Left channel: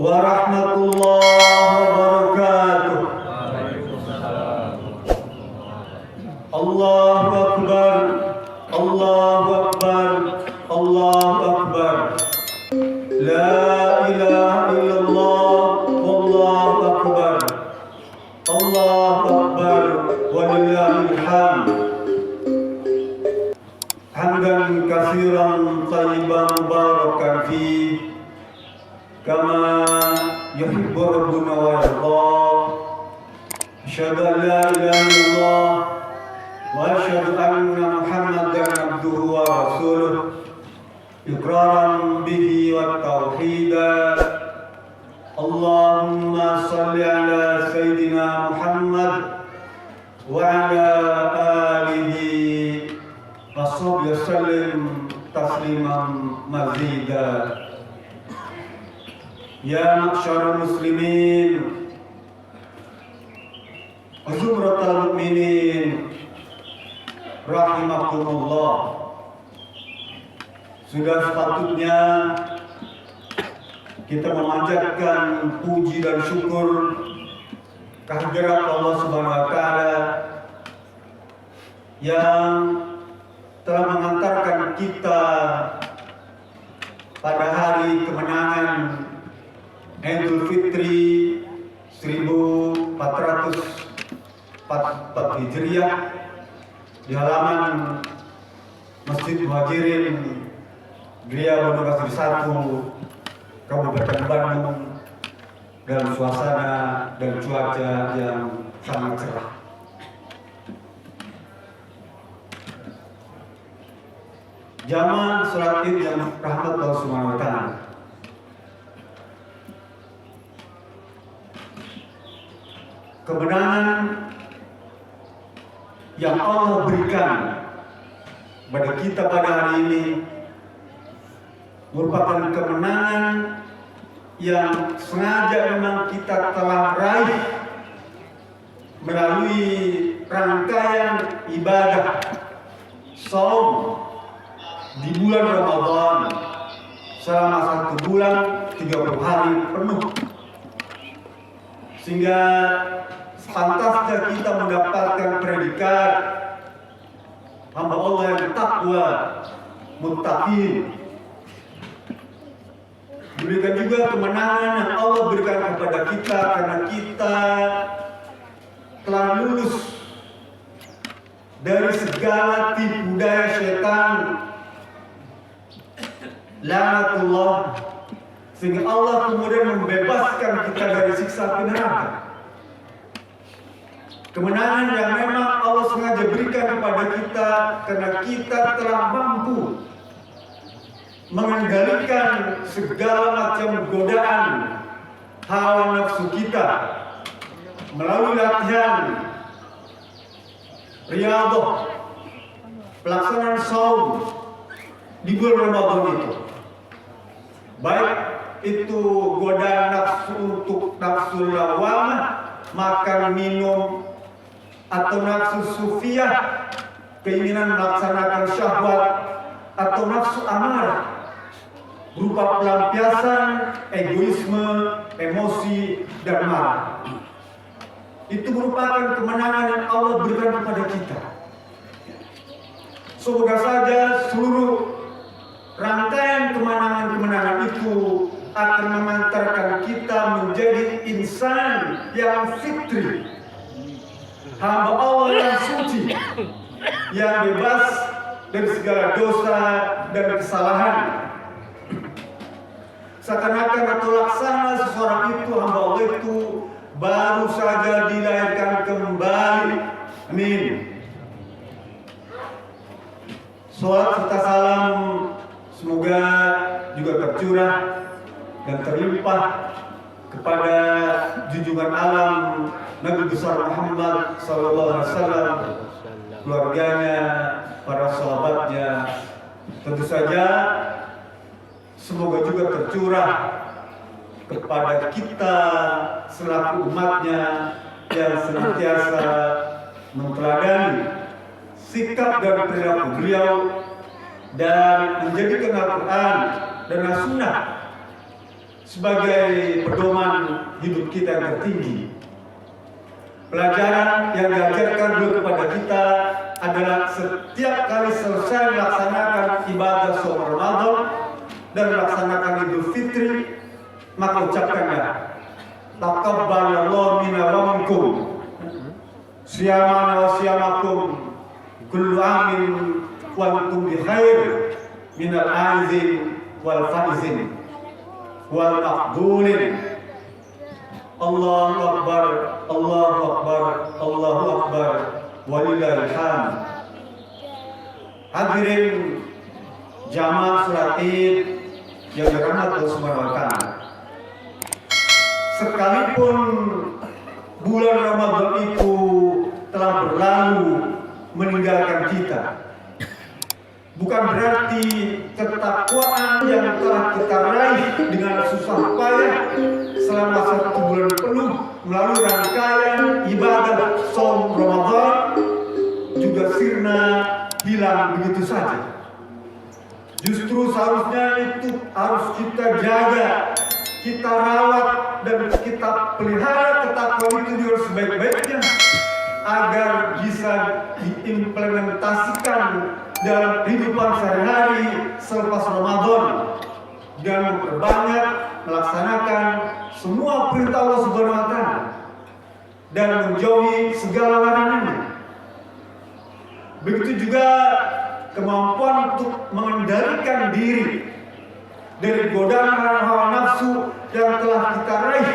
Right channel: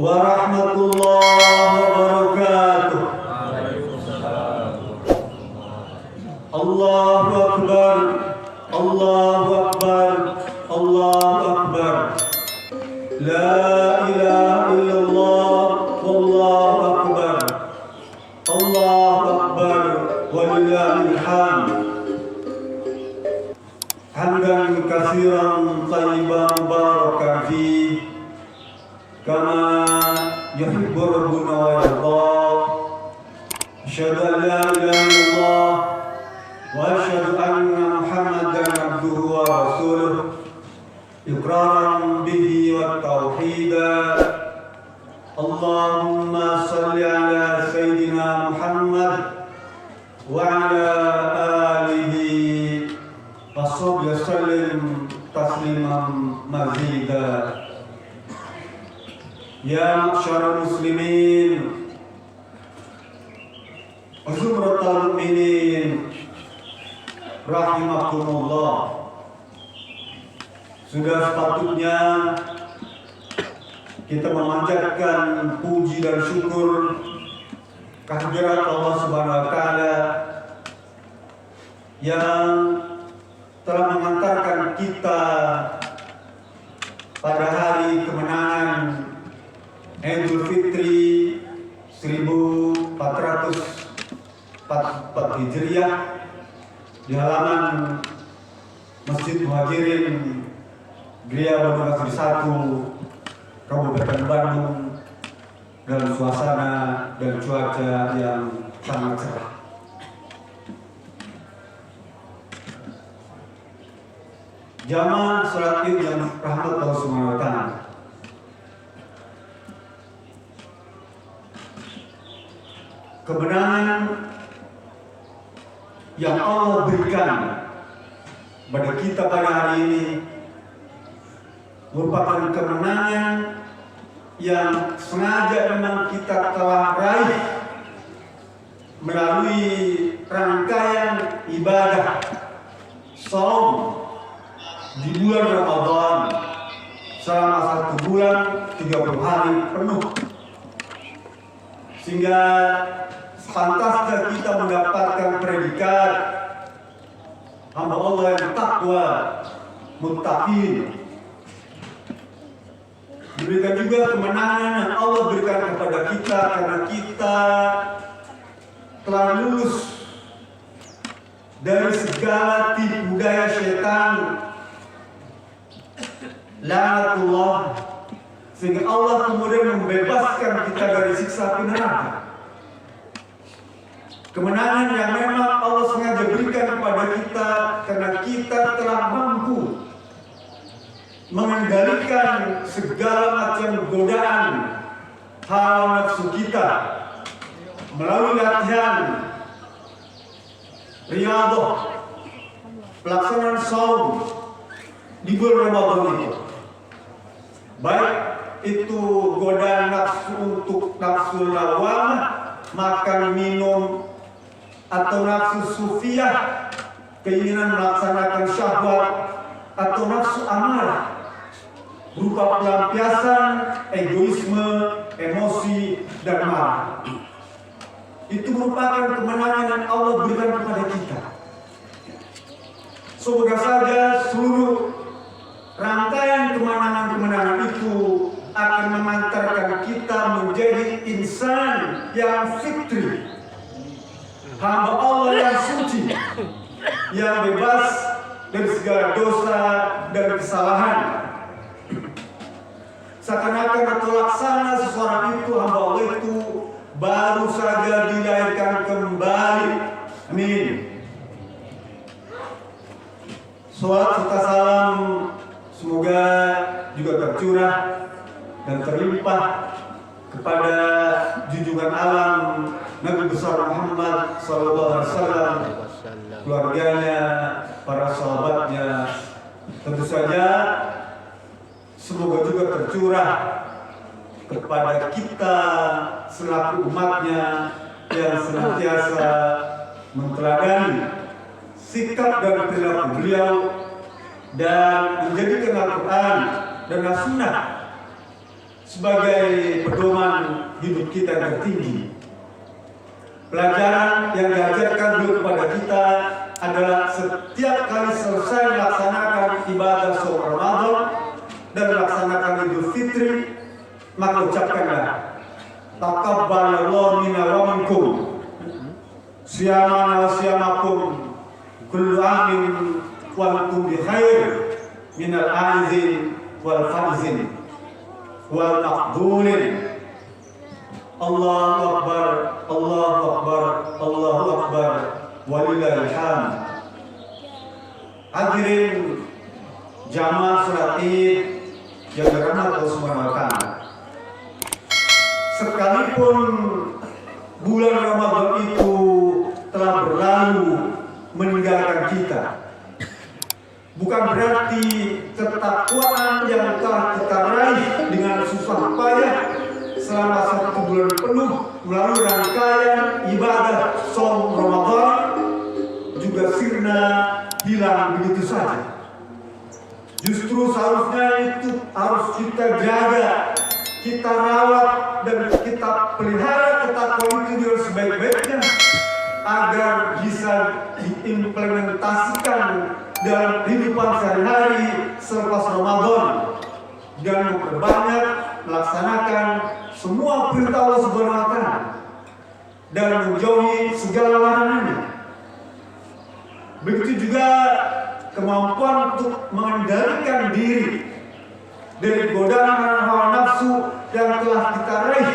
warahmatullahi wabarakatuh. Allahu Akbar, Allahu Akbar, Allahu Akbar. La ilaha illallah, wallahu akbar. Allahu Akbar, walillahil hamd. Hamdan katsiran thayyiban mubarakan fihi kama yuhibbu rabbuna wa yarda. Asyhadu an la ilaha illallah wa asyhadu anna Muhammadan abduhu wa rasuluh iqraran bihi wa tauhida. Allahumma salli ala sayyidina Muhammad wa ala alihi wa sallim tasliman mazida. Ya ma'syarul muslimin, zumratal mu'minin, rahimakumullah. Sudah sepatutnya kita memanjatkan puji dan syukur kehadirat Allah Subhanahu wa taala yang telah mengantarkan kita pada hari kemenangan Idul Fitri 1444 Hijriah di halaman Masjid Muhajirin Gria Bendungan 1 Kabupaten Bandung dalam suasana dan cuaca yang sangat cerah. Jamaah salat Id yang rahmat Allah Subhanahu wa taala. Kemenangan yang Allah berikan pada kita pada hari ini merupakan kemenangan yang sengaja memang kita telah raih melalui rangkaian ibadah saum di bulan Ramadan selama 1 bulan 30 hari penuh, sehingga pantasnya kita mendapatkan predikat hamba Allah yang takwa, muttaqin. Diberikan juga kemenangan yang Allah berikan kepada kita karena kita telah lulus dari segala tipu daya syaitan, laknatullah, sehingga Allah kemudian membebaskan kita dari siksa api neraka. Kemenangan yang memang Allah sengaja berikan kepada kita karena kita telah mampu mengendalikan segala macam godaan hawa nafsu kita melalui latihan riyadhah, pelaksanaan saum di bulan Ramadan itu. Baik itu godaan nafsu untuk nafsu lawamah, makan minum, atau nafsu sufiyah, keinginan melaksanakan syahwat, atau nafsu amarah berupa pelampiasan egoisme, emosi, dan marah. Itu merupakan kemenangan yang Allah berikan kepada kita. Semoga saja seluruh rangkaian kemenangan-kemenangan itu akan mengantarkan kita menjadi insan yang fitri, hamba Allah yang suci, yang bebas dari segala dosa dan kesalahan. Seakan-akan atau laksana seseorang itu, hamba Allah itu baru saja dilahirkan kembali. Amin. Salat serta salam semoga juga tercurah dan terlimpah kepada junjungan alam Nabi besar Muhammad SAW, keluarganya, para sahabatnya. Tentu saja semoga juga tercurah kepada kita selaku umatnya yang senantiasa menteladani sikap dan perilaku beliau dan menjadikan Al-Quran dan As-Sunnah sebagai pedoman hidup kita yang tertinggi. Pelajaran yang diajarkan beliau kepada kita adalah setiap kali selesai melaksanakan ibadah saum Ramadan dan melaksanakan Idul Fitri, maka ucapkanlah taqabbalallahu minna wa minkum siyamana wa siyamakum kullu amin wa antum bi khair minal aizin wal faizin wal maqbulin. Allahu Akbar, Allahu Akbar, Allahu Akbar, walillahil hamd. Hadirin jamaah salat Id yang dirahmati Allah Subhanahu wa taala. Sekalipun bulan Ramadan itu telah berlalu meninggalkan kita, bukan berarti ketakwaan yang telah kita raih dengan susah payah selama 1 bulan penuh melalui rangkaian ibadah saum Ramadan juga sirna hilang begitu saja. Justru seharusnya itu harus kita jaga, kita rawat dan kita pelihara ketakwaan itu dengan sebaik-baiknya agar bisa diimplementasikan dalam kehidupan sehari-hari selepas Ramadan dan memperbanyak melaksanakan semua perintah Allah Subhanahu wa taala dan menjauhi segala larangannya. Begitu juga kemampuan untuk mengendalikan diri dari godaan hawa nafsu yang telah kita raih,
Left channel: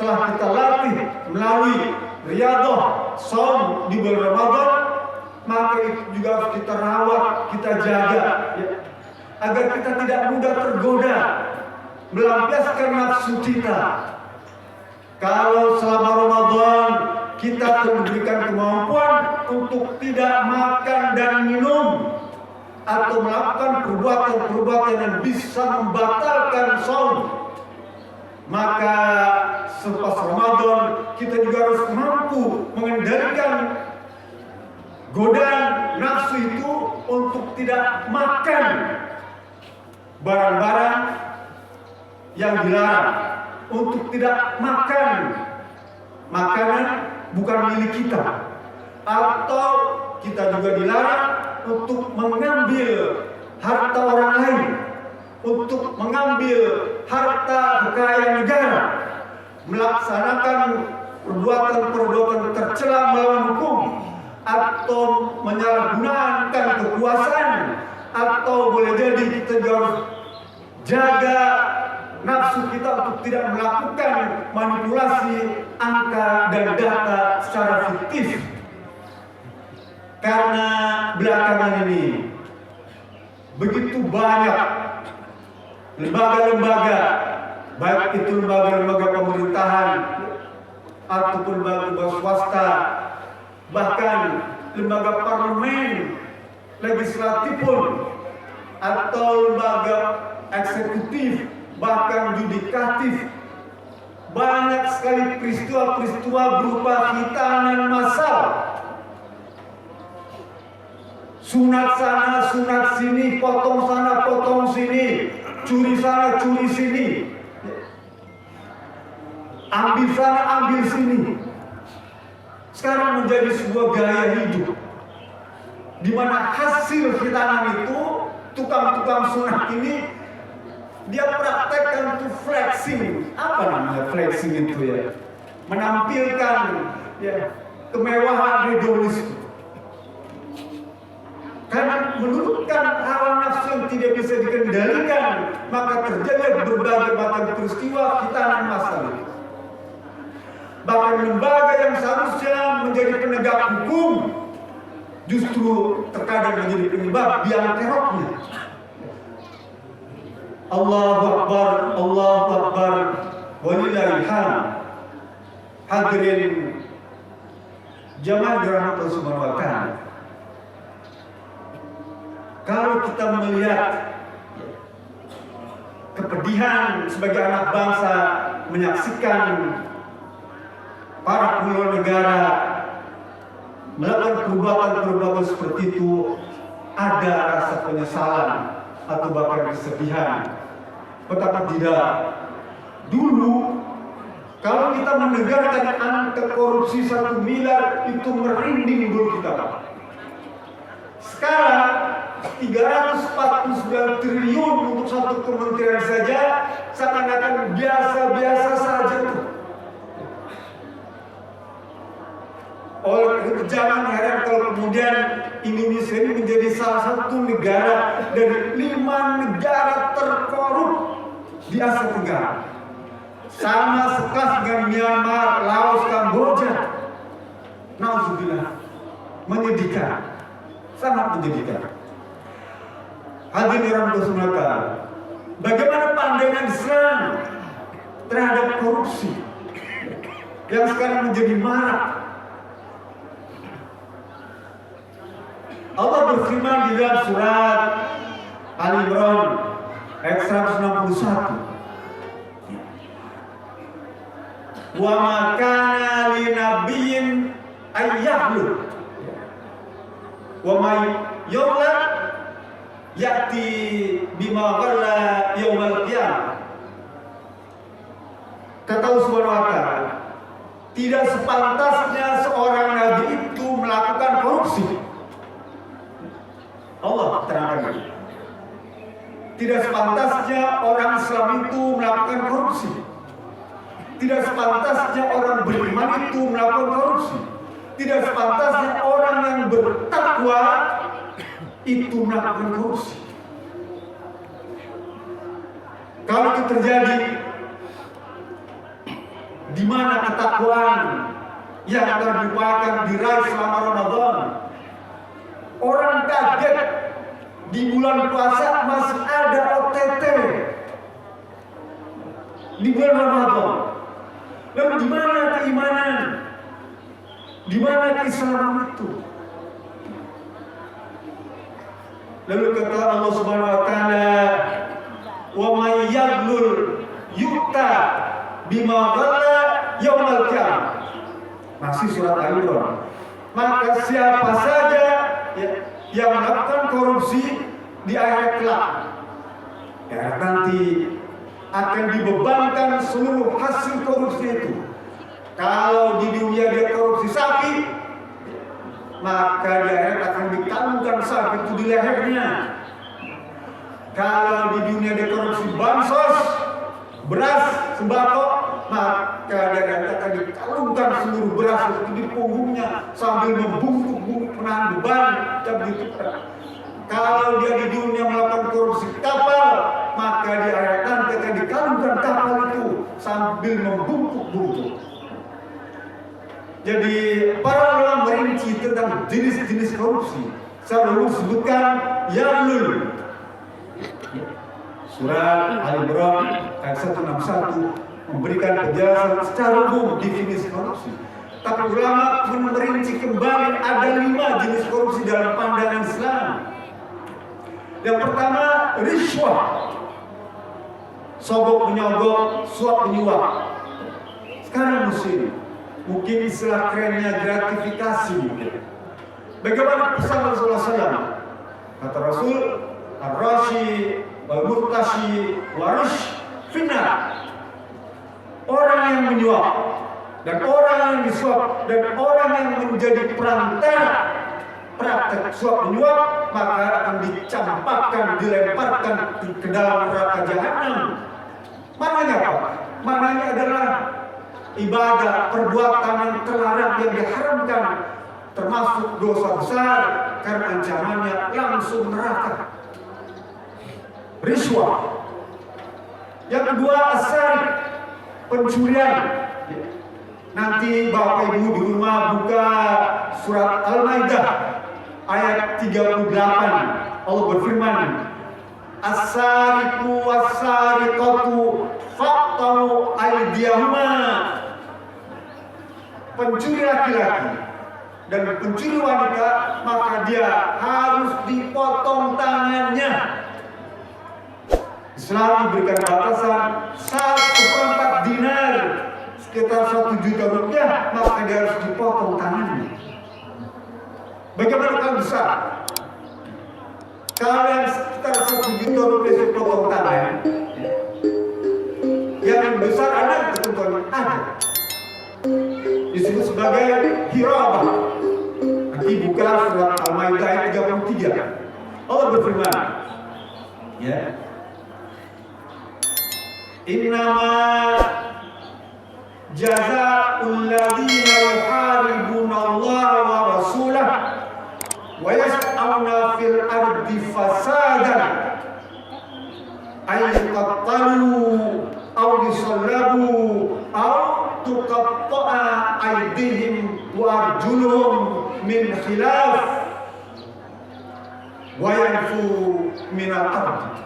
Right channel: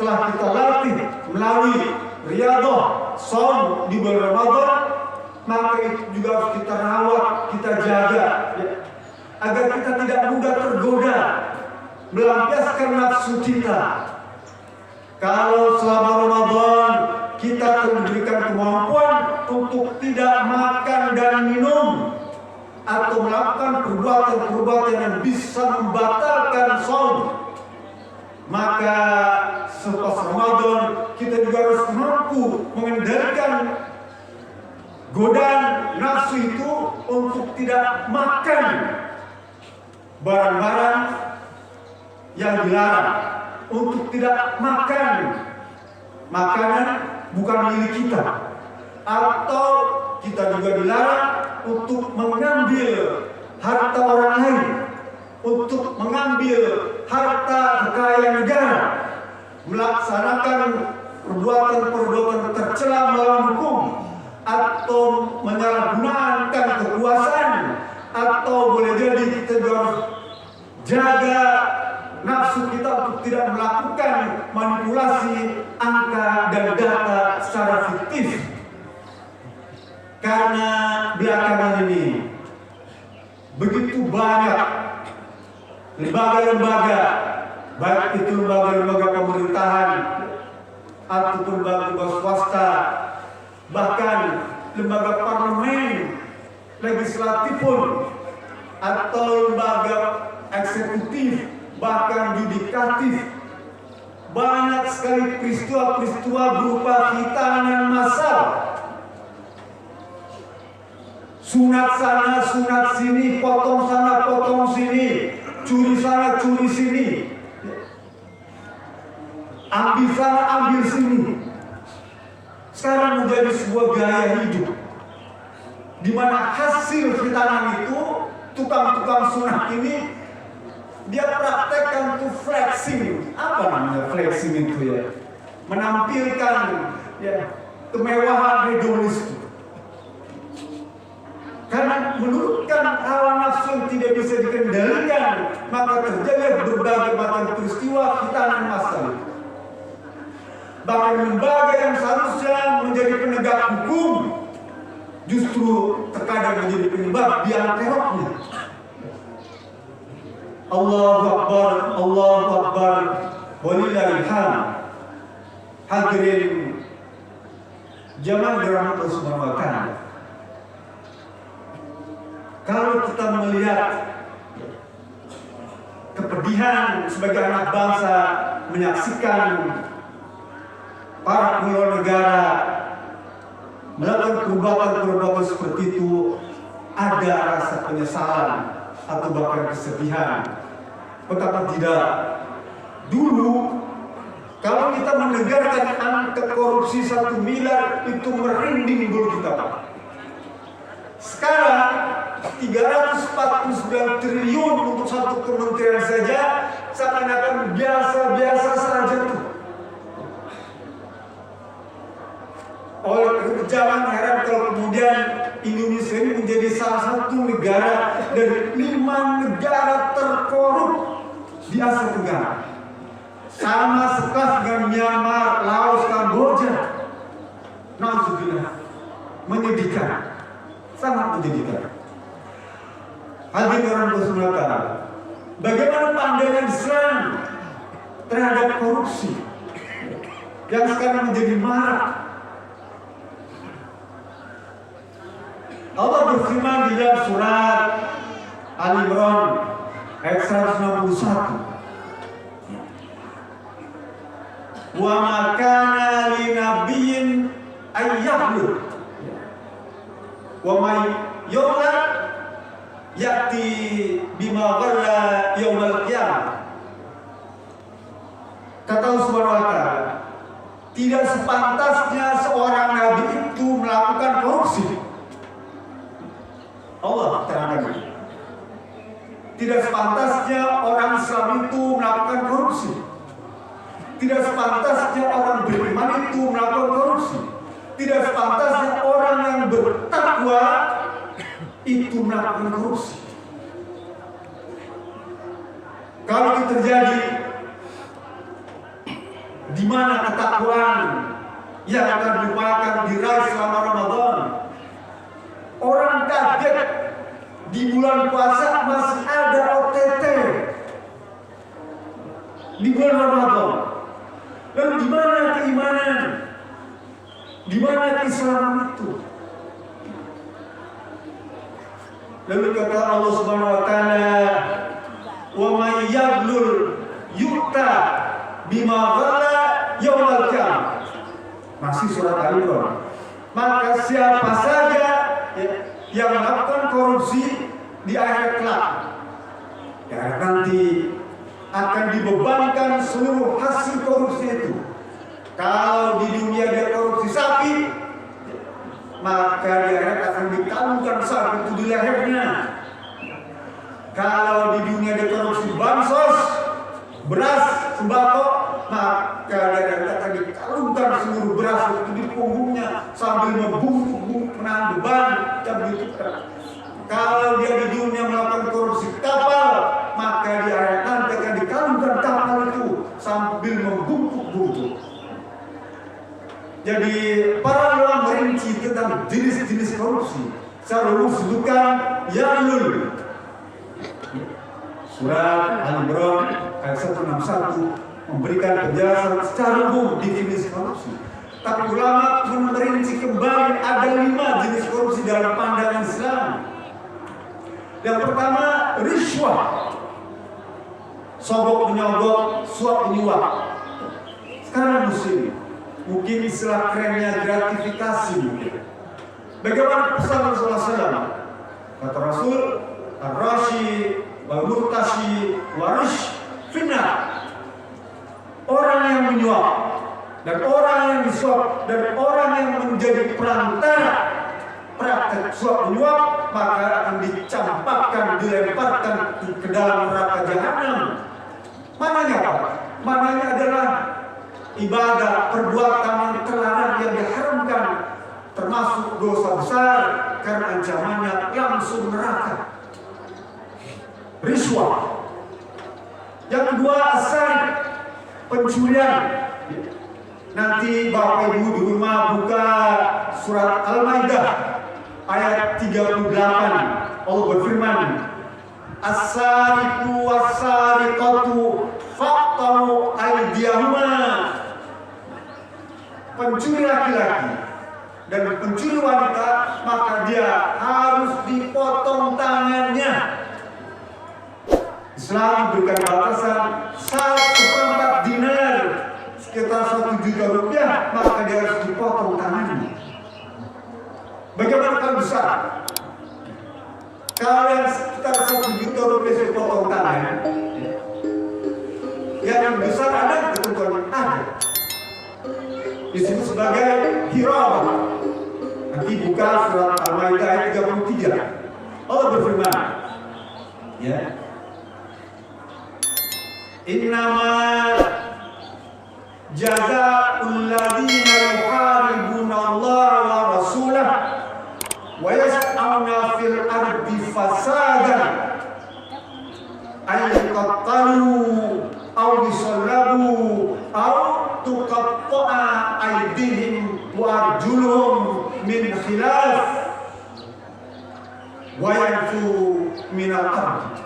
telah kita latih melalui riyadhah saum di bulan Ramadan, maka itu juga harus kita rawat, kita jaga ya, agar kita tidak mudah tergoda melampiaskan nafsu kita. Kalau selama Ramadan kita diberikan kemampuan untuk tidak makan dan minum atau melakukan perbuatan-perbuatan yang bisa membatalkan saum, maka selepas Ramadan kita juga harus mampu mengendalikan godaan nafsu itu untuk tidak makan barang-barang yang dilarang, untuk tidak makan makanan bukan milik kita, atau kita juga dilarang untuk mengambil harta orang lain, untuk mengambil harta kekayaan negara, melaksanakan perbuatan-perbuatan tercela melawan hukum, atau menyalahgunakan kekuasaan, atau boleh jadi kita juga harus jaga nafsu kita untuk tidak melakukan manipulasi angka dan data secara fiktif. Karena belakangan ini begitu banyak lembaga-lembaga, baik itu lembaga-lembaga pemerintahan ataupun lembaga swasta, bahkan lembaga parlemen, legislatif pun, atau lembaga eksekutif, bahkan yudikatif, banyak sekali peristiwa-peristiwa berupa hitanan massal, sunat sana, sunat sini, potong sana, potong sini, curi sana, curi sini, ambil sana, ambil sini. Sekarang menjadi sebuah gaya hidup, di mana hasil hitanan itu tukang-tukang sunat ini dia praktekkan tuh flexing. Apa namanya flexing itu ya? Menampilkan ya kemewahan hedonisme. Karena menurutkan hawa nafsu yang tidak bisa dikendalikan, maka terjadi berbagai macam peristiwa hitanan massal itu. Bahkan lembaga yang seharusnya menjadi penegak hukum justru terkadang menjadi penyebab biang keroknya. Allahu Akbar, Allahu Akbar, walillahil hamd. Hadirin jamaah dirahmati Allah Subhanahu wa taala. Kalau kita melihat kepedihan sebagai anak bangsa menyaksikan para kepala negara melakukan perbuatan-perbuatan seperti itu, ada rasa penyesalan atau bahkan kesedihan. Betapa tidak, Dulu kalau kita mendengarkan angka korupsi 1 miliar itu merinding dulu kita. Sekarang 349 triliun untuk satu kementerian saja seakan-akan biasa-biasa saja tuh. Oleh itu jangan heran kalau kemudian Indonesia ini menjadi salah satu negara dari 5 negara terkorup di Asia Tenggara. Sama sekelas dengan Myanmar, Laos, Kamboja. Nauzubillah. Menyedihkan. Sangat menyedihkan. Hadirin orang bersunata, bagaimana pandangan Islam terhadap korupsi yang sekarang menjadi marak? Allah berfirman di dalam surat Al-Imran ayat 161. Wa ma kana li nabiyyin ayyahlu wa may yawla ya'ti bima ghalla yaumal qiyamah. Kata Allah Subhanahu wa taala, tidak sepantasnya seorang nabi itu melakukan korupsi. Allah terangkan ini. Tidak sepantasnya orang Islam itu melakukan korupsi. Tidak sepantasnya orang beriman itu melakukan korupsi. Tidak sepantasnya orang yang bertakwa itu melakukan korupsi. Kalau itu terjadi, di mana ketakwaan yang akan diupayakan diraih selama Ramadan? Orang kaget di bulan puasa masih ada OTT di bulan Ramadan. Lalu di mana keimanan? Di mana keislaman itu? Lalu kata Allah Subhanahu wa taala, "Wa may yaghlul yu'ta bima ghalla yaumal qiyamah." Masih surat Al-Imran. Maka siapa saja yang melakukan korupsi di akhirat kelak, ya nanti akan dibebankan seluruh hasil korupsi itu. Kalau di dunia dia korupsi sapi, maka di akhirat akan dikalungkan sapi itu di lehernya. Kalau di dunia dia korupsi bansos, beras, sembako, maka dia akan dikalungkan seluruh beras itu di punggungnya sambil membungkuk menahan beban yang begitu berat. Kalau dia di dunia melakukan korupsi kapal, maka di akhirat nanti akan dikalungkan kapal itu sambil membungkuk-bungkuk. Jadi para ulama merinci tentang jenis-jenis korupsi. Secara umum disebutkan yaghlul. Surat Al-Imran ayat 161 memberikan penjelasan secara umum definisi korupsi. Tapi ulama merinci kembali ada 5 jenis korupsi dalam pandangan Islam. Yang pertama, riswah, sogok menyogok, suap menyuap. Sekarang muslim, mungkin istilah kerennya gratifikasi mungkin. Bagaimana pesan Rasulullah SAW? Kata Rasul, ar-rashi wal-murtashi warish finnar. Orang yang menyuap dan orang yang disuap dan orang yang menjadi perantara praktek suap menyuap, maka akan dicampakkan, dilemparkan ke dalam neraka jahanam. Mananya apa? Mananya adalah ibadah, perbuatan yang terlarang, yang diharamkan, termasuk dosa besar karena ancamannya langsung neraka. Riswah. Yang kedua, asari, pencurian. Nanti Bapak Ibu di rumah buka surat Al-Maidah ayat 38. Allah berfirman, as-sariqu was-sariqatu faqta'u aydiyahuma. Pencuri laki-laki dan pencuri wanita, maka dia harus dipotong tangannya. Islam diberikan batasan 1/4 dinar, sekitar 1 juta rupiah, maka dia harus dipotong tangannya. Bagaimana kalau besar? Kalau yang sekitar 1 juta rupiah dipotong tangan, yang besar ada ketentuan ada. Disebut sebagai hirabah. Nanti buka surat Al-Maidah ayat 33. Allah berfirman, ya, innama jazaa'ul ladzina yuharibuna Allah wa rasulah wa yas'auna fil ardi fasadan ay yuqattalu aw yusallabu aw tuqatta'a aydihim wa arjuluhum min khilaf wa yanfu min al-ard.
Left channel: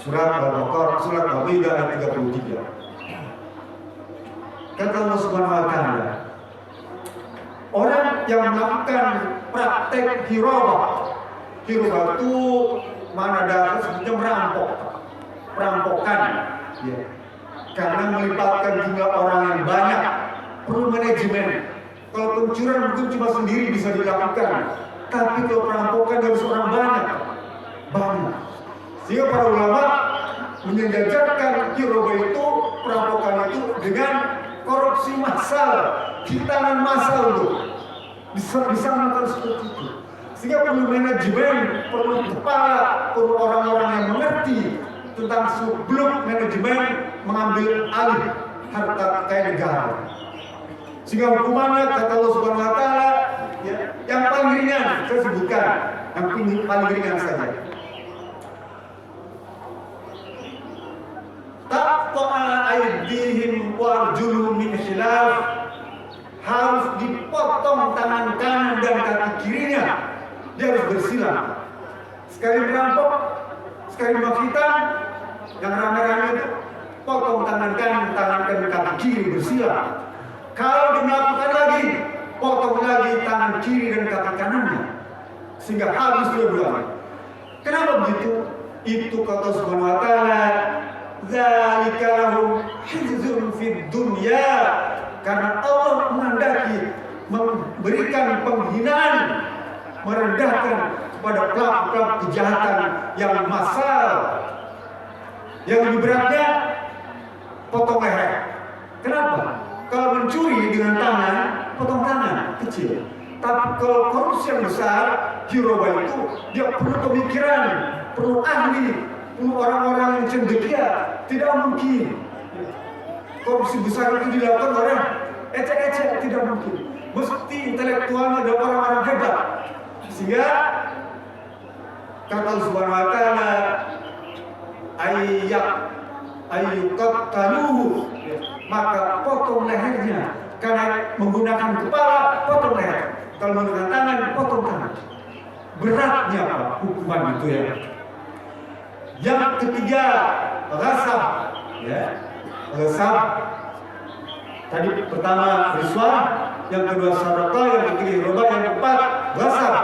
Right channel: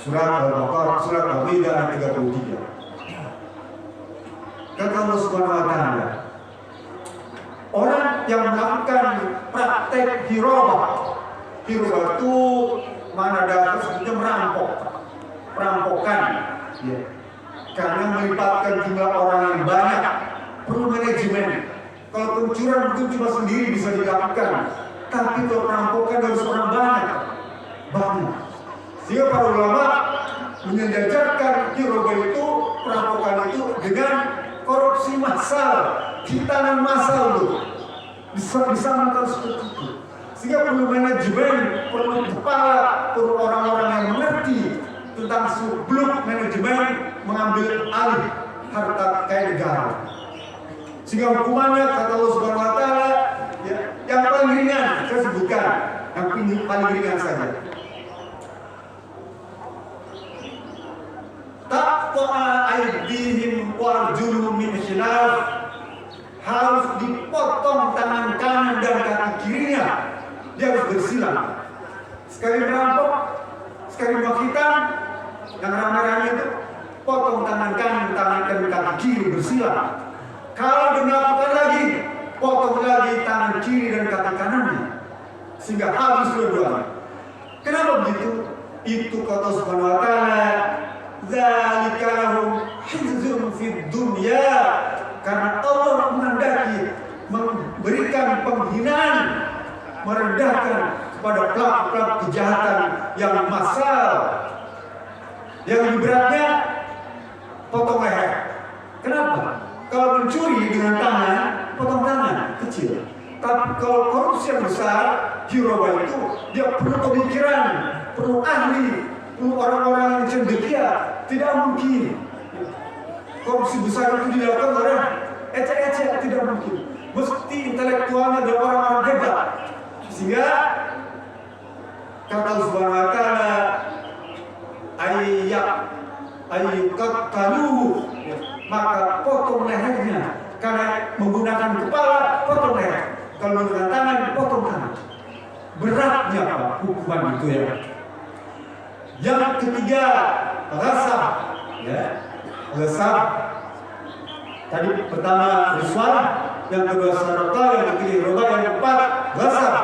Surat Al-Baqarah, surat Al-Maidah ayat 33. Kata Allah Subhanahu wa taala, orang yang melakukan praktek hirabah itu mana ada semacam perampokan, ya. Karena melibatkan jumlah orang yang banyak, perlu manajemen. Kalau pencurian mungkin cuma sendiri bisa dilakukan, tapi kalau perampokan harus orang banyak. Sehingga para ulama menyejajarkan hirabah itu, perampokan itu dengan korupsi massal, hitanan massal itu bisa melakukan seperti itu. Sehingga perlu manajemen, perlu kepala, perlu orang-orang yang mengerti tentang seluk-beluk manajemen mengambil alih harta kekayaan negara. Sehingga hukumannya kata Allah Subhanahu wa taala, ya, yang paling ringan saya sebutkan, yang paling ringan saja. Taqta'a aydihim wa arjuluhum min khilaf, harus dipotong tangan kanan dan kaki kirinya, dia harus bersilang. Sekali merampok, sekali menghitam, yang rame-rame itu potong tangan kanan, kaki kiri bersilang. Kalau dia melakukan lagi, potong lagi tangan kiri dan kaki kanannya, sehingga habis dua-duanya. Kenapa begitu? Itu kata Subhanahu wa taala, dzalika lahum khizyun fid dunya, karena Allah menghendaki memberikan penghinaan, merendahkan kepada pelaku-pelaku kejahatan yang massal. Yang lebih beratnya potong leher. Kenapa? Kalau mencuri dengan tangan, potong tangan kecil. Tapi kalau korupsi yang besar, hirabah itu dia perlu pemikiran, perlu ahli, perlu orang-orang yang cendekia. Tidak mungkin korupsi besar itu dilakukan oleh ecek-ecek, tidak mungkin. Mesti intelektualnya ada orang-orang hebat. Sehingga kata Allah Subhanahu wa taala, ayyuqtalu, maka potong lehernya. Karena menggunakan kepala, potong leher. Kalau menggunakan tangan, potong tangan. Beratnya apa hukuman itu, ya. Yang ketiga, ghasab, ya. Ghasab. Tadi pertama riswah, yang kedua sadaqah, yang ketiga riba, yang keempat ghasab.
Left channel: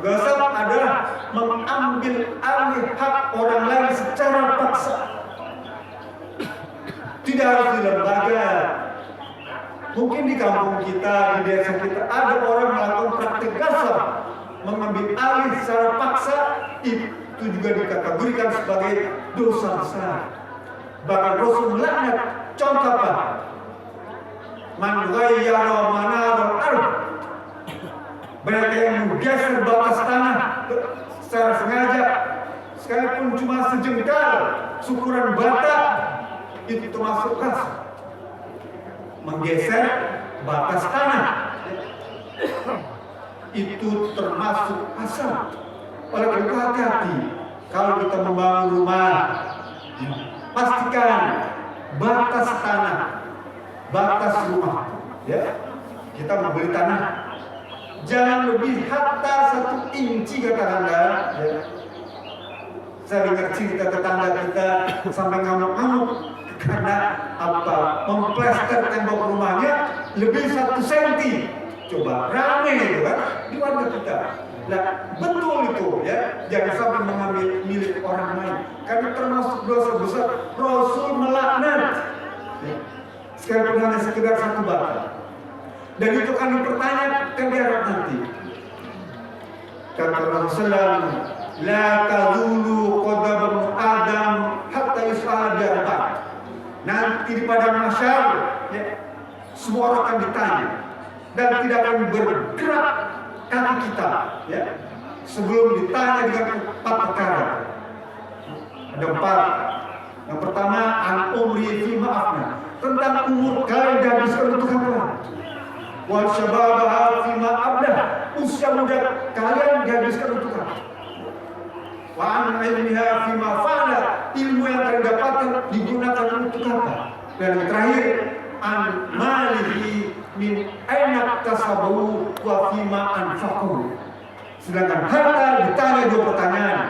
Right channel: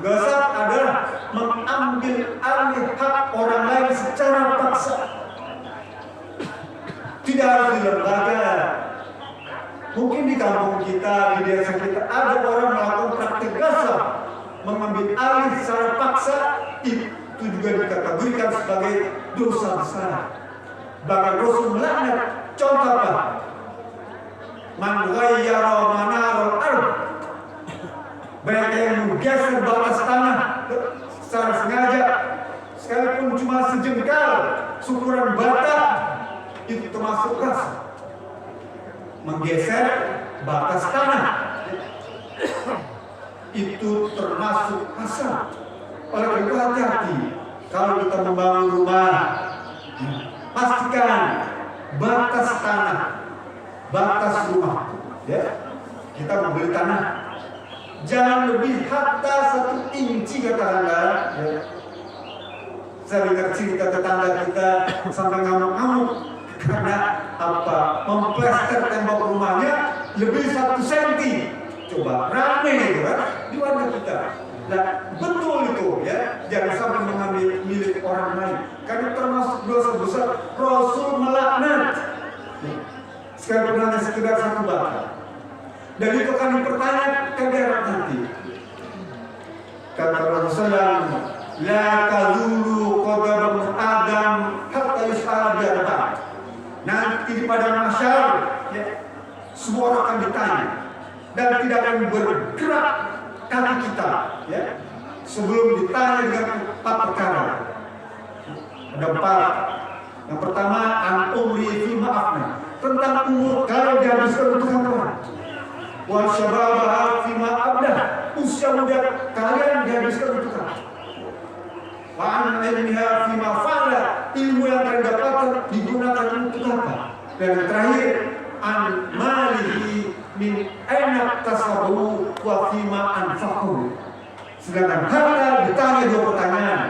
Ghasab adalah mengambil alih hak orang lain secara paksa. Tidak harus di lembaga. Mungkin di kampung kita, di desa kita ada orang melakukan praktik ghasab, mengambil alih secara paksa. Itu juga dikategorikan sebagai dosa besar. Bahkan Rasul melaknat. Contoh apa? Man ghayyara manaral ardh, mereka yang menggeser batas tanah secara sengaja, sekalipun cuma sejengkal, syukuran bata, itu termasuk ghasab. Menggeser batas tanah itu termasuk ghasab. Oleh karena itu hati-hati kalau kita membangun rumah, pastikan batas tanah, batas rumah, ya. Kita membeli tanah jangan lebih hatta 1 inci katakanlah, ya. Saya dengar cerita tetangga kita sampai ngamuk-ngamuk karena apa? Memplester tembok rumahnya lebih 1 senti. Coba rame itu kan di warga kita. Nah, betul itu, ya. Jangan sampai mengambil milik orang lain, karena termasuk dosa besar. Rasul melaknat. Sekarang hanya sekedar 1 bata. Dan itu kan dipertanyakan di akhirat nanti. Kata Rasulullah, la tazulu qadam Adam hatta yus'ala bi arba'in. Nanti di padang mahsyar, ya, semua orang akan ditanya dan tidak akan bergerak kaki kita, ya, sebelum ditanya dengan 4 perkara. Ada 4. Yang pertama, an umri fi ma'afna, tentang umur kalian dihabiskan untuk apa? Wal syababa fi ma'abdah, usia muda kalian dihabiskan untuk apa? Wa an ilmiha fi ma'fa'ala, ilmu yang kalian dapatkan digunakan untuk apa? Dan yang terakhir, an malihi min aina tasabu wa fi ma anfaqu. Sedangkan harta ditanya 2 pertanyaan.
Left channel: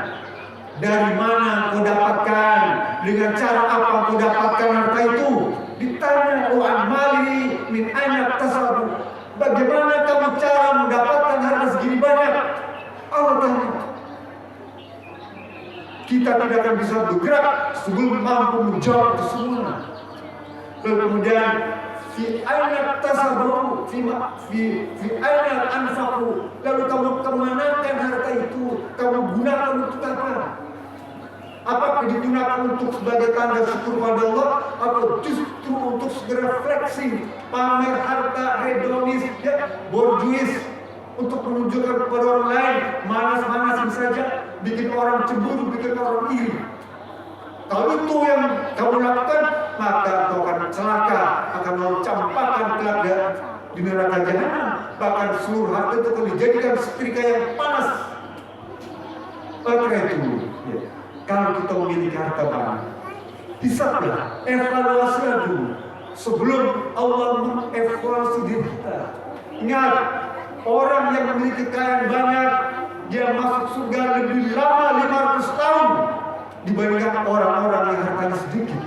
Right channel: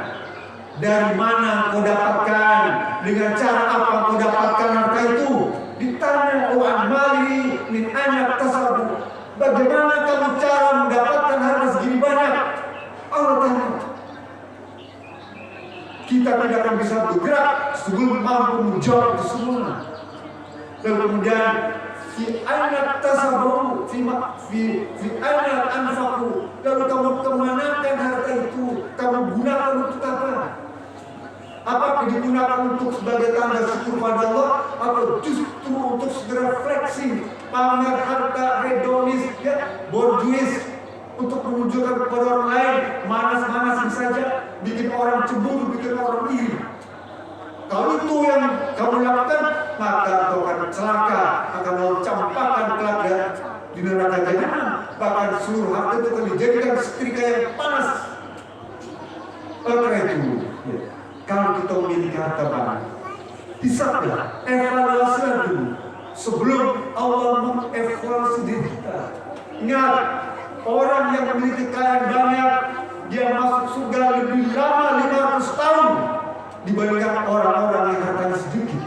Dari mana kau dapatkan? Dengan cara apa kau dapatkan harta itu? Ditanya wa an malihi min aina tasabu. Bagaimana kamu cara mendapatkan harta segini banyak? Allah tanya. Kita tidak akan bisa bergerak sebelum mampu menjawab itu semua. Lalu kemudian fi aina tasabu fi aina anfaqu. Lalu kamu kemanakan harta itu? Kamu gunakan untuk apa? Apakah digunakan untuk sebagai tanda syukur pada Allah, atau justru untuk segera flexing, pamer harta, hedonis, ya, borjuis, untuk menunjukkan kepada orang lain, manas-manasin saja, bikin orang cemburu, bikin orang iri? Kalau itu yang kamu lakukan, maka kau akan celaka, akan mau campakan kelak di neraka jahanam. Bahkan seluruh harta itu akan dijadikan setrika yang panas. Oleh karena itu, ya, kalau kita memiliki harta banyak, hisablah, evaluasilah dulu sebelum Allah mengevaluasi diri kita. Ingat, orang yang memiliki kekayaan banyak, dia masuk surga lebih lama 500 tahun dibandingkan orang-orang yang hartanya sedikit.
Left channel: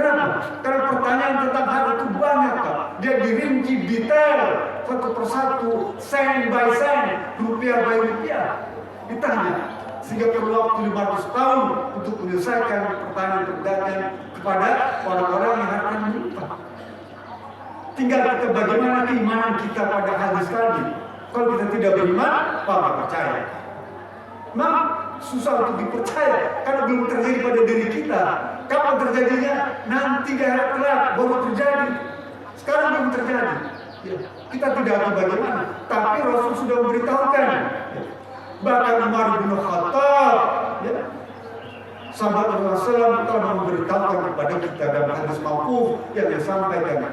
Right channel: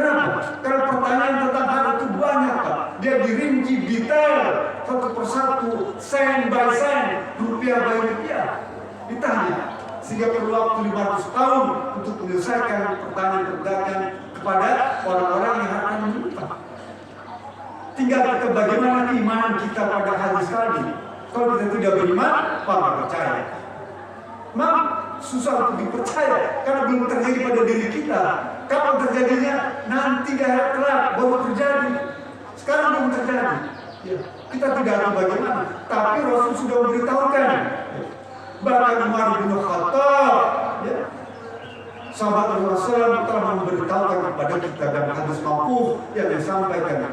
Kenapa? Karena pertanyaan tentang harta itu banyak, Pak. Dia dirinci detail, satu persatu, sen by sen, rupiah by rupiah, ditanya. Sehingga perlu waktu 500 tahun untuk menyelesaikan pertanyaan-pertanyaan kepada orang-orang yang hartanya melimpah. Tinggal kita bagaimana keimanan kita pada hadis tadi. Kalau kita tidak beriman, apa percaya? Memang susah untuk dipercaya karena belum terjadi pada diri kita. Kapan terjadinya? Nanti di akhirat kelak baru terjadi. Sekarang belum terjadi. Ya, kita tidak tahu bagaimana. Tapi Rasul sudah memberitahukan. Ya. Bahkan Umar bin Khattab, ya, sahabat Rasulullah telah memberitahukan kepada kita dalam hadis mauquf yang disampaikan,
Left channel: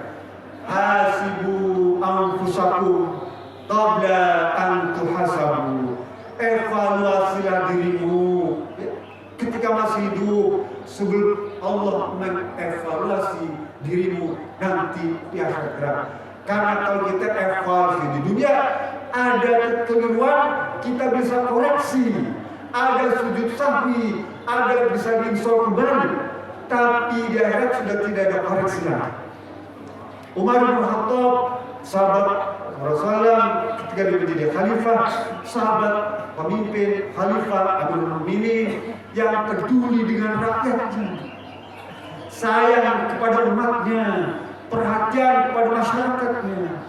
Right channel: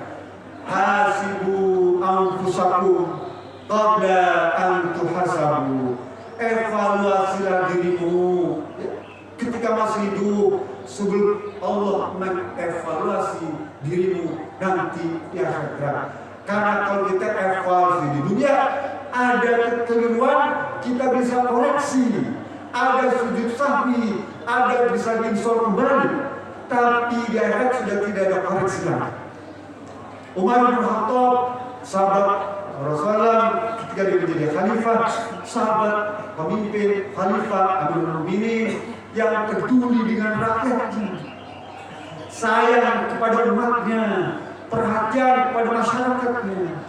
hasibu anfusakum qabla an tuhasabu. Evaluasilah dirimu, ya, ketika masih hidup sebelum Allah mengevaluasi dirimu nanti di akhirat. Karena kalau kita evaluasi di dunia, ada kekeliruan, kita bisa koreksi, ada sujud sahwi, ada bisa diinstal kembali. Tapi di akhirat sudah tidak ada koreksi lagi. Umar bin Khattab, sahabat Rasulullah ketika dia menjadi khalifah, sahabat pemimpin khalifah Amirul Mukminin yang peduli dengan rakyatnya, sayang kepada umatnya, perhatian kepada masyarakatnya.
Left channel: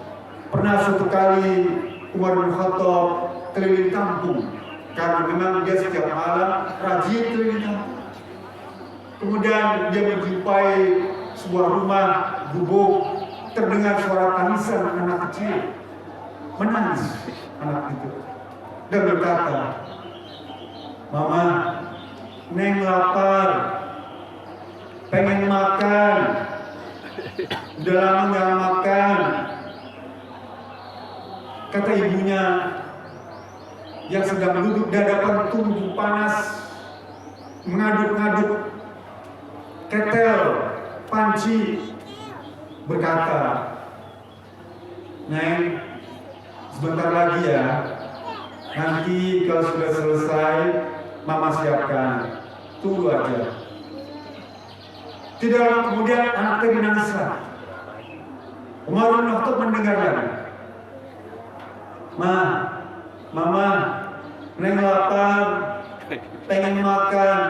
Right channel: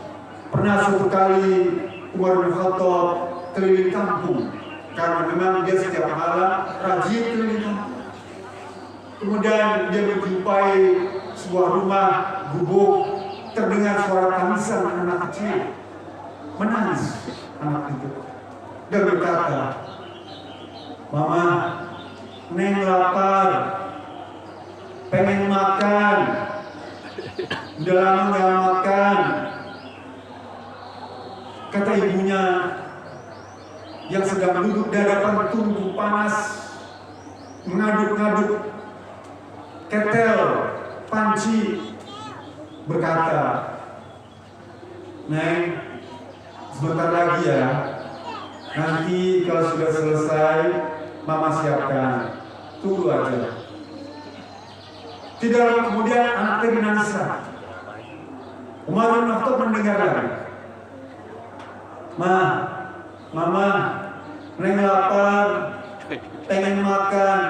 Pernah suatu kali Umar bin Khattab keliling kampung, karena memang dia setiap malam rajin keliling kampung. Kemudian dia menjumpai sebuah rumah gubuk, terdengar suara tangisan anak kecil, menangis anak itu, dan berkata, "Mama, Neng lapar, pengen makan, udah lama nggak makan." Kata ibunya yang sedang duduk di hadapan tungku panas, mengaduk-ngaduk ketel, panci, berkata, "Neng, sebentar lagi ya, nanti kalau sudah selesai, Mama siapkan, tunggu aja." Tidak lama kemudian anak tadi nangis. Umar bin Khattab mendengar lagi, Mama, Neng lapar, pengen makan.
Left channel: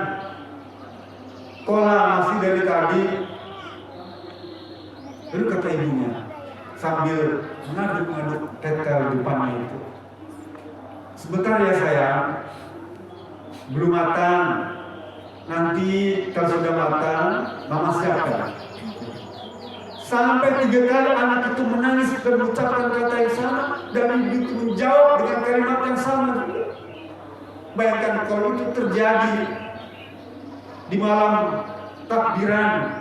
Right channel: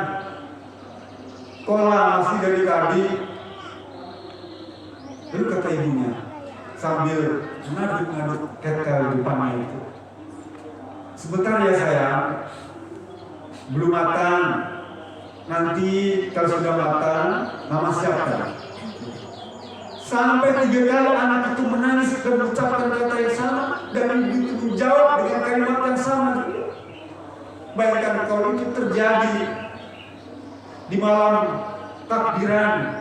Kok masih dari tadi? Lalu kata ibunya sambil ngaduk-ngaduk ketel di depannya itu, "Sebentar ya sayang, belum matang. Nanti kalau sudah matang, Mama masyarakat. Sampai 3 kali anak itu menangis dan mengucapkan kata yang sama, dan ibu itu menjawab dengan kalimat yang sama. Bayangkan kalau itu terjadi di malam takbiran,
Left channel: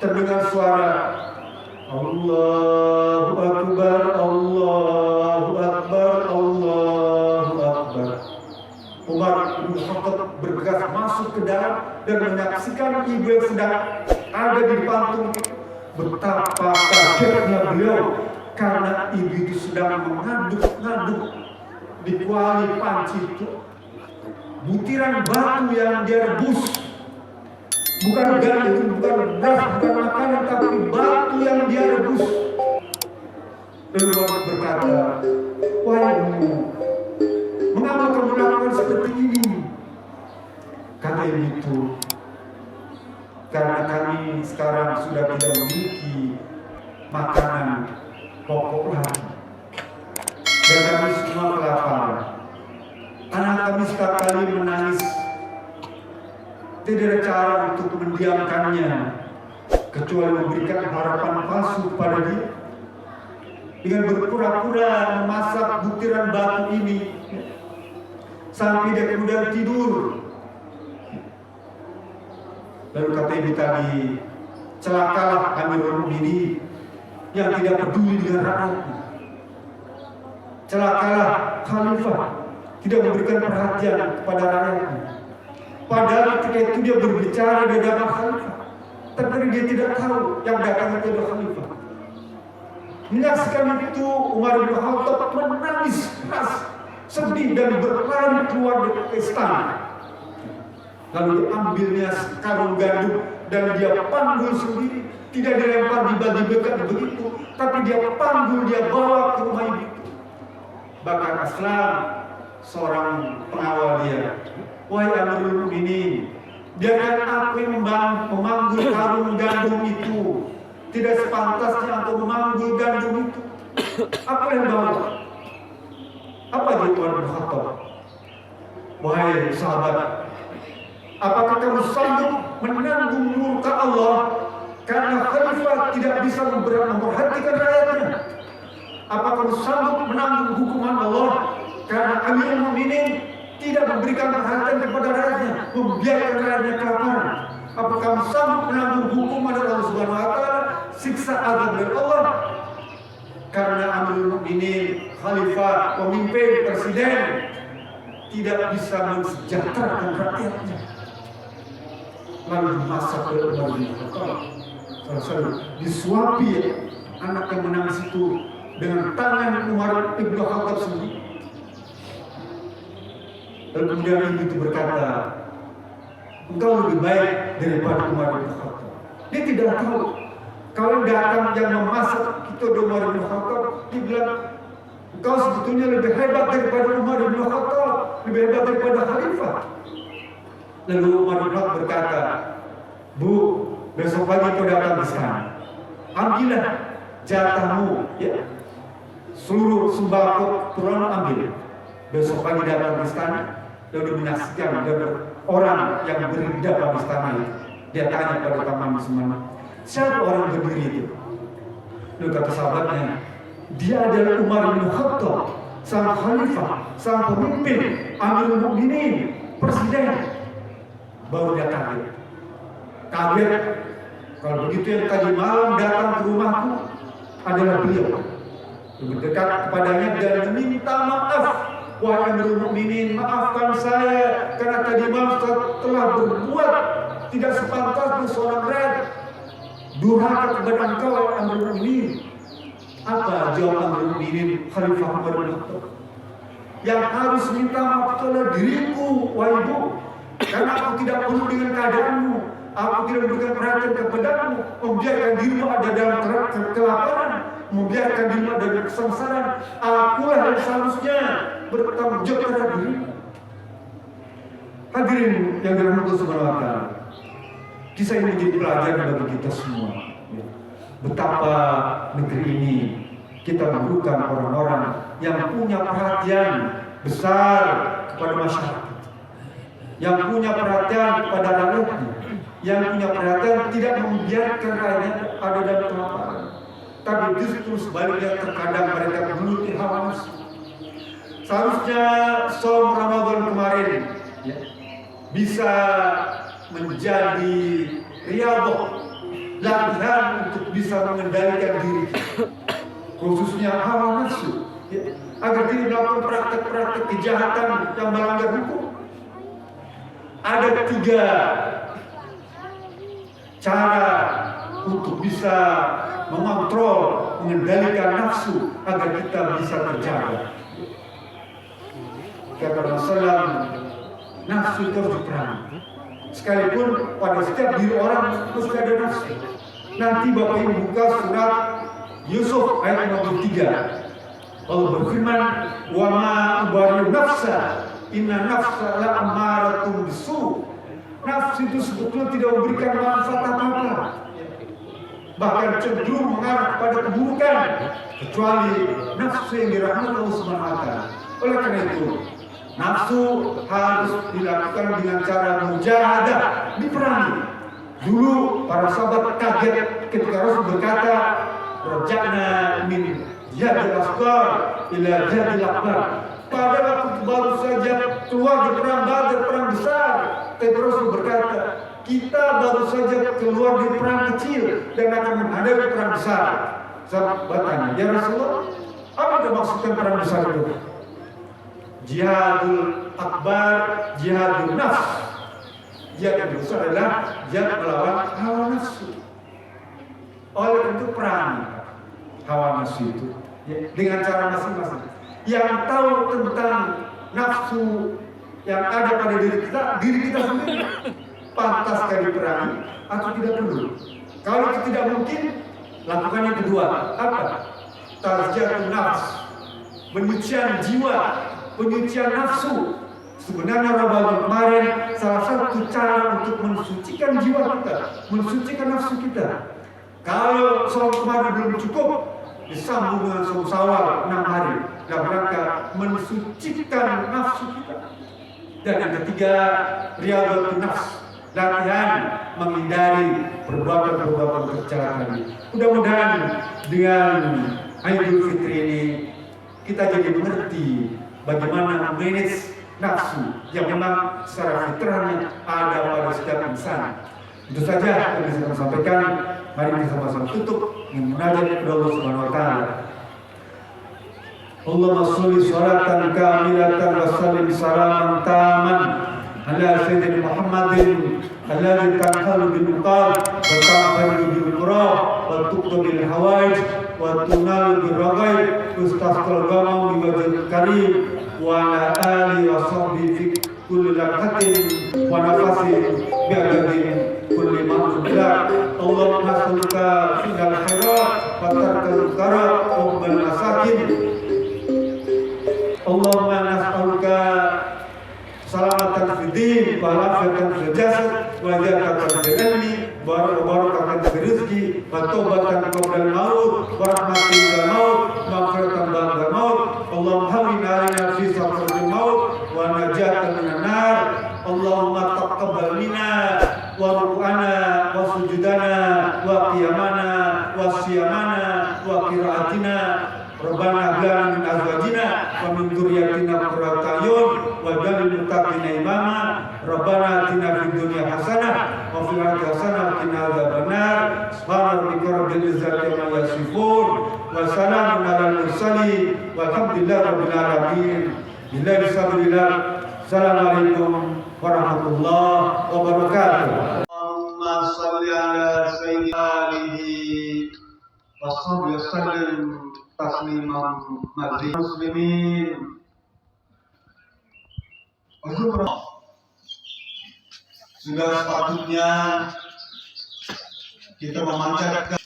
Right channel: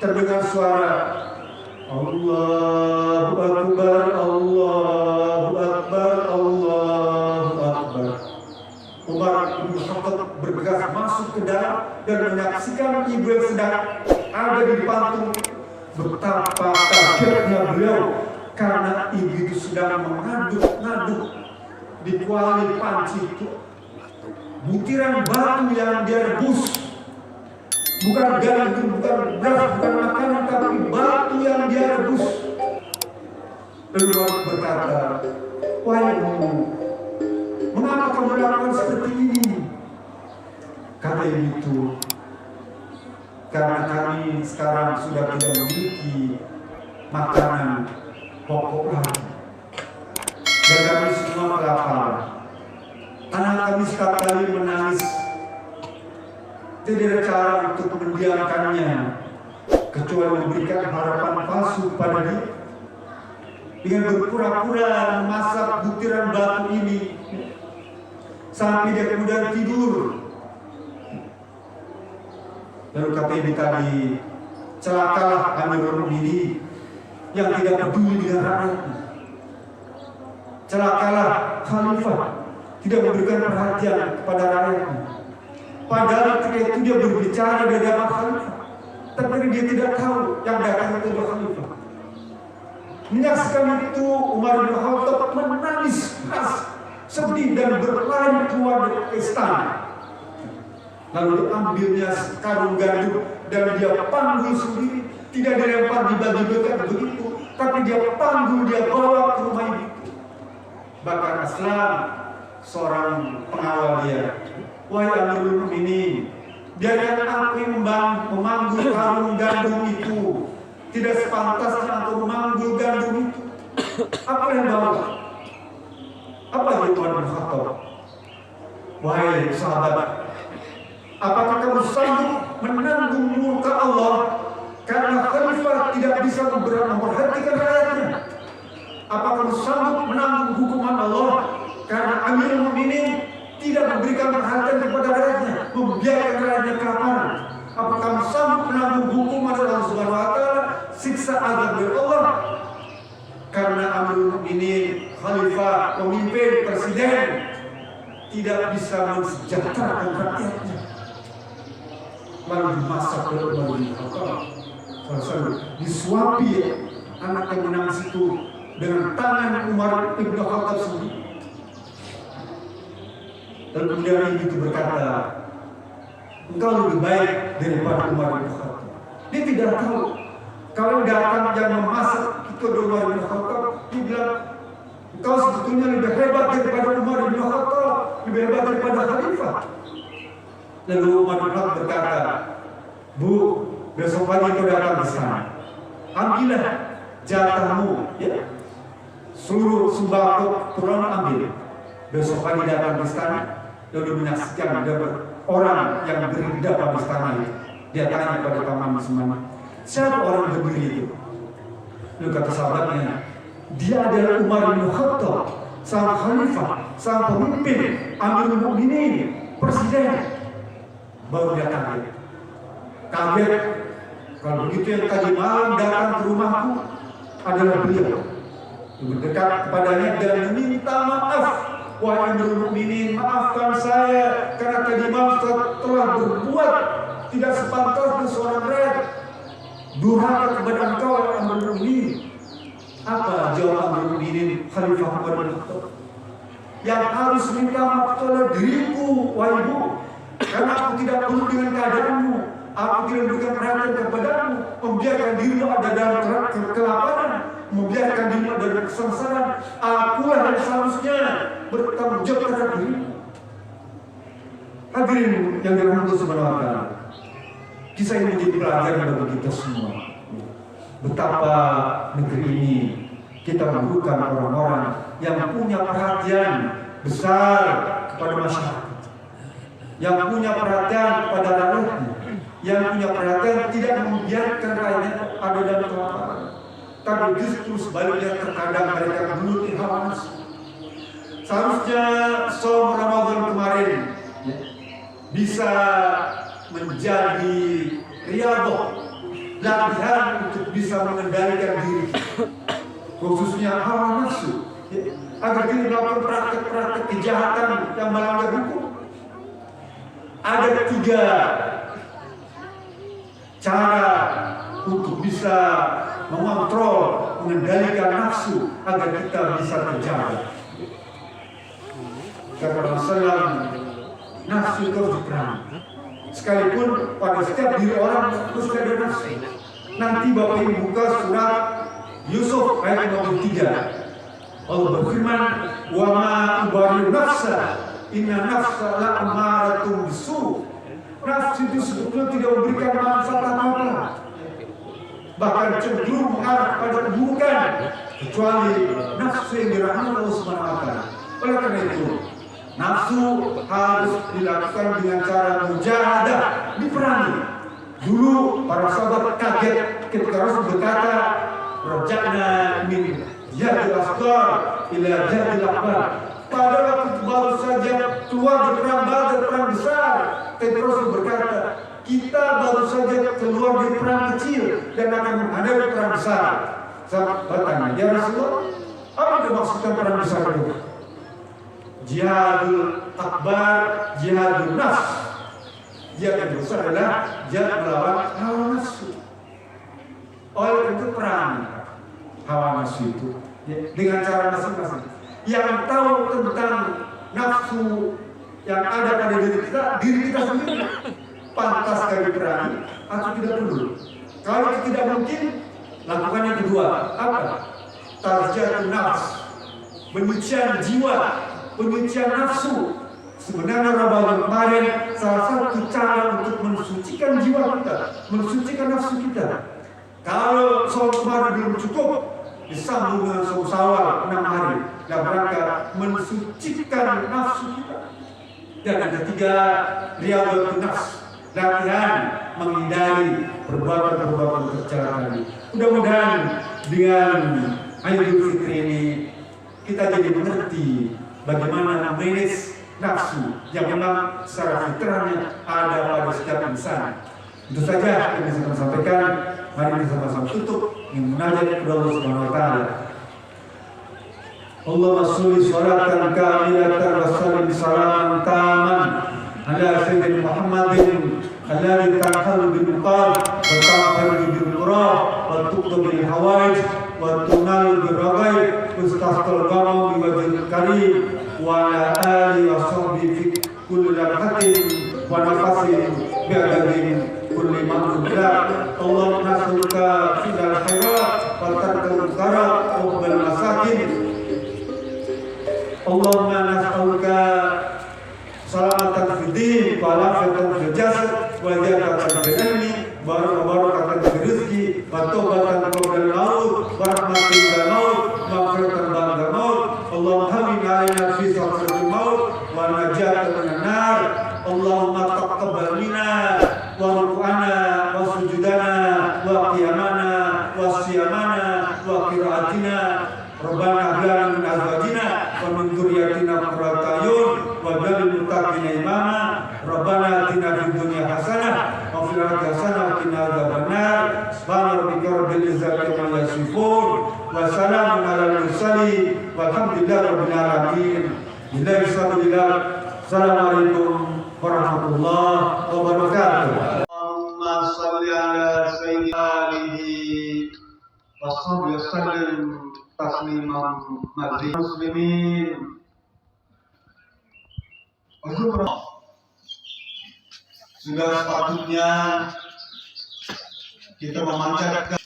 terdengar suara Allahu Akbar, Allahu Akbar, Allahu Akbar. Umar bin Khattab bergegas masuk ke dalam dan menyaksikan ibu yang sedang ada di depan. Betapa kagetnya beliau karena ibu itu sedang mengaduk-ngaduk di kuali panci itu butiran batu yang dia rebus, bukan gandum, bukan beras, bukan makanan, tapi batu yang dia rebus. Lalu Umar berkata, wahai ibu, mengapa kamu lakukan seperti ini? Kata ibu itu, karena kami sekarang sudah tidak memiliki makanan pokok lagi, dan kami semua kelaparan. Anak kami setiap kali menangis, tidak ada cara untuk mendiamkannya kecuali memberikan harapan palsu kepada dia dengan berpura-pura memasak butiran batu ini sampai dia kemudian tidur. Lalu kata ibu tadi, celakalah Amirul Mukminin yang tidak peduli dengan rakyatnya. Celakalah Khalifah tidak memberikan perhatian kepada rakyatnya. Padahal ketika itu dia berbicara di hadapan Khalifah, tapi dia tidak tahu yang datang itu adalah Khalifah. Menyaksikan itu, Umar bin Khattab menangis keras, sedih dan berlari keluar dari istana. Lalu diambilnya karung gandum dan dia panggul sendiri, tidak dilempar dibagi-bagi begitu, tapi dia panggul, dia bawa ke rumah ibu itu. Bahkan Aslam, seorang pengawal dia, wahai Amirul Mukminin, biarkan aku yang memanggul karung gandum itu, tidak sepantasnya aku memanggul gandum itu. Apa yang bawa? Apa gitu Umar bin Khattab? Wahai sahabat, apakah kamu sanggup menanggung murka Allah karena Khalifah tidak bisa memperhatikan rakyatnya? Apakah kamu sanggup menanggung hukuman Allah karena Amirul Mukminin tidak memberikan perhatian kepada rakyatnya, membiarkan rakyatnya kelaparan? Apakah kamu sanggup menanggung hukuman Allah Subhanahu wa taala, siksa azab dari Allah karena Amirul Mukminin, Khalifah, pemimpin, presiden tidak bisa mensejahterakan rakyatnya? Lalu dimasak oleh Umar bin Khattab. Disuapi anak yang menangis itu dengan tangan Umar bin Khattab sendiri. Lalu kemudian ibu itu berkata, engkau lebih baik daripada Umar bin Khattab. Dia tidak tahu kalau datang yang memasak itu ada Umar bin Khattab. Dia bilang, engkau sebetulnya lebih hebat daripada Umar bin Khattab, lebih hebat daripada Khalifah. Lalu Umar bin Khattab berkata, Bu, besok pagi kau datang di sana, ambillah jatahmu, ya, seluruh sembako turun ambil. Besok pagi datang di sana, lalu menyaksikan ada orang yang berdiri di depan istana itu. Dia tanya pada taman semua, siapa orang berdiri itu? Lalu kata sahabatnya, dia adalah Umar bin Khattab, sang Khalifah, sang pemimpin, Amirul Mukminin, presiden. Baru dia kaget. Kalau begitu yang tadi malam datang ke rumahku adalah beliau. Lebih dekat kepadanya dan meminta maaf. Wahai Amirul Mukminin, maafkan saya karena tadi malam telah berbuat tidak sepantasnya seorang rakyat durhaka kepada engkau, Amirul Mukminin. Apa jawab Amirul Mukminin Khalifah Umar bin Khattab? Yang harus minta maaf adalah diriku, wahai ibu. Karena aku tidak perlu dengan keadaanmu, aku tidak memberikan perhatian kepadamu, membiarkan dirimu ada dalam kelaparan, membiarkan dirimu ada dalam kesengsaraan. Akulah yang seharusnya bertanggung jawab terhadap dirimu. Hadirin yang dirahmati Allah, kisah ini menjadi pelajaran bagi kita semua. Betapa negeri ini kita memerlukan orang-orang yang punya perhatian besar kepada masyarakat, yang punya perhatian kepada rakyatnya, yang punya perhatian tidak membiarkan rakyatnya ada dalam kelaparan, tapi justru sebaliknya terkadang mereka menuruti hawa nafsu. Seharusnya saum Ramadan kemarin ya, bisa menjadi riyadhah, latihan untuk bisa mengendalikan diri, khususnya hawa nafsu, ya, agar tidak melakukan praktek-praktek kejahatan yang melanggar hukum. Ada 3 cara untuk bisa mengontrol, mengendalikan nafsu agar kita bisa terjaga. Kata Rasulullah, nafsu terus diperangi. Sekalipun pada setiap diri orang mesti ada nafsu. Nanti Bapak Ibu buka surat Yusuf ayat 53. Allah berfirman, wa ma ubari'u nafsa inna nafsa la'amaratun bisu. Nafsu itu sebetulnya tidak memberikan manfaat apa-apa, bahkan cenderung mengarah pada keburukan, kecuali nafsu yang dirahmati Allah Subhanahu wa Ta'ala. Oleh karena itu, nafsu harus dilakukan dengan cara mujahadah, diperangi. Dulu para sahabat kaget ketika Rasul berkata, "Raja'na min jihadil asghar ila jihadil akbar." Pada waktu baru saja keluar di perang Badar, perang besar, Rasul berkata, kita baru saja keluar di perang kecil dan akan menghadapi perang besar. Sahabat bertanya, ya Rasulullah, apa itu maksudnya perang besar itu? Jihadul akbar, jihadul nafs. Jihad yang besar adalah jihad melawan hawa nafsu. Oleh karena itu perang hawa nafsu itu ya, dengan cara masing-masing. Yang tahu tentang nafsu yang ada pada diri kita sendiri, pantaskah diperangi atau tidak perlu? Kalau itu tidak mungkin, lakukan yang kedua. Apa? Tazkiyatun nafs, penyucian jiwa, penyucian nafsu. Sebenarnya Ramadan kemarin salah satu cara untuk mensucikan jiwa kita, mensucikan nafsu kita. Kalau saum kemarin belum cukup, disambung dengan saum Syawal 6 hari dalam rangka mensucikan nafsu kita. Dan yang ketiga, riyadhatun nafs, latihan menghindari perbuatan-perbuatan kejahatan. Mudah-mudahan dengan Idul Fitri ini kita jadi mengerti bagaimana manage nafsu yang memang secara fitrahnya ada pada setiap insan. Itu saja yang bisa saya sampaikan. Mari kita sama-sama tutup dengan munajat kepada Allah Subhanahu wa Ta'ala. Allahumma sholli sholatan kamilatan wa sallim salaman taman ala sayyidina Muhammadin alladhi tanhalu bil uqad wa ta'khudhu bil qurab wa tuqdu bil hawaij wa tunalu bil raghaib ustasqal ghamam bi wajhil karim wa ala alihi wa sahbihi fi kulli lamhatin wa nafasin bi adadin kulli ma'lum billah. Allahumma nas'aluka fil khairat wa tarkal munkar wa bil masakin. Allahumma nas'aluka salamatan fid din wa lafiyatan fil jasad wa ziyadatan fil ilmi wa barakatan fil rizqi wa taubatan qabla al-maut wa rahmatan ba'da al-maut wa maghfiratan ba'da al-maut. Allahumma hawwin 'alaina fi sakaratil maut wa najatan minan nar. Allahumma taqabbal minna wa ruku'ana wa sujudana wa qiyamana wa siyamana wa qira'atina. Rabbana hab lana min azwajina wa min dhurriyyatina qurrata a'yun waj'alna lil muttaqina imama. Rabbana atina fid dunya hasanah wa fil akhirati hasanah wa qina adzabannar. Subhana rabbika rabbil izzati amma yasifun wa salamun 'alal mursalin walhamdulillahi rabbil alamin. Billahi sabilillah. Assalamualaikum warahmatullahi wabarakatuh. Allahumma shalli ala sayyidina alihi wa sallim tasliman mazid. Muslimin sudah sepatutnya kita memanjatkan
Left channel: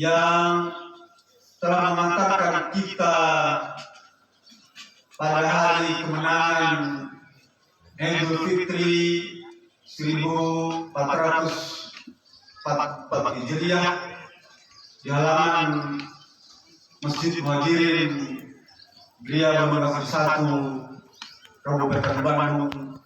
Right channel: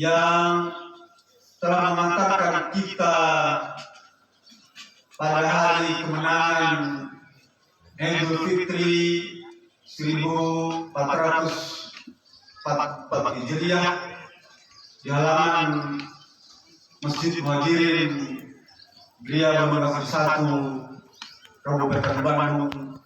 yang telah mengantarkan kita pada hari kemenangan Idul Fitri 1444 Hijriah di halaman Masjid Muhajirin Gria Bangun 1 Kabupaten Bandung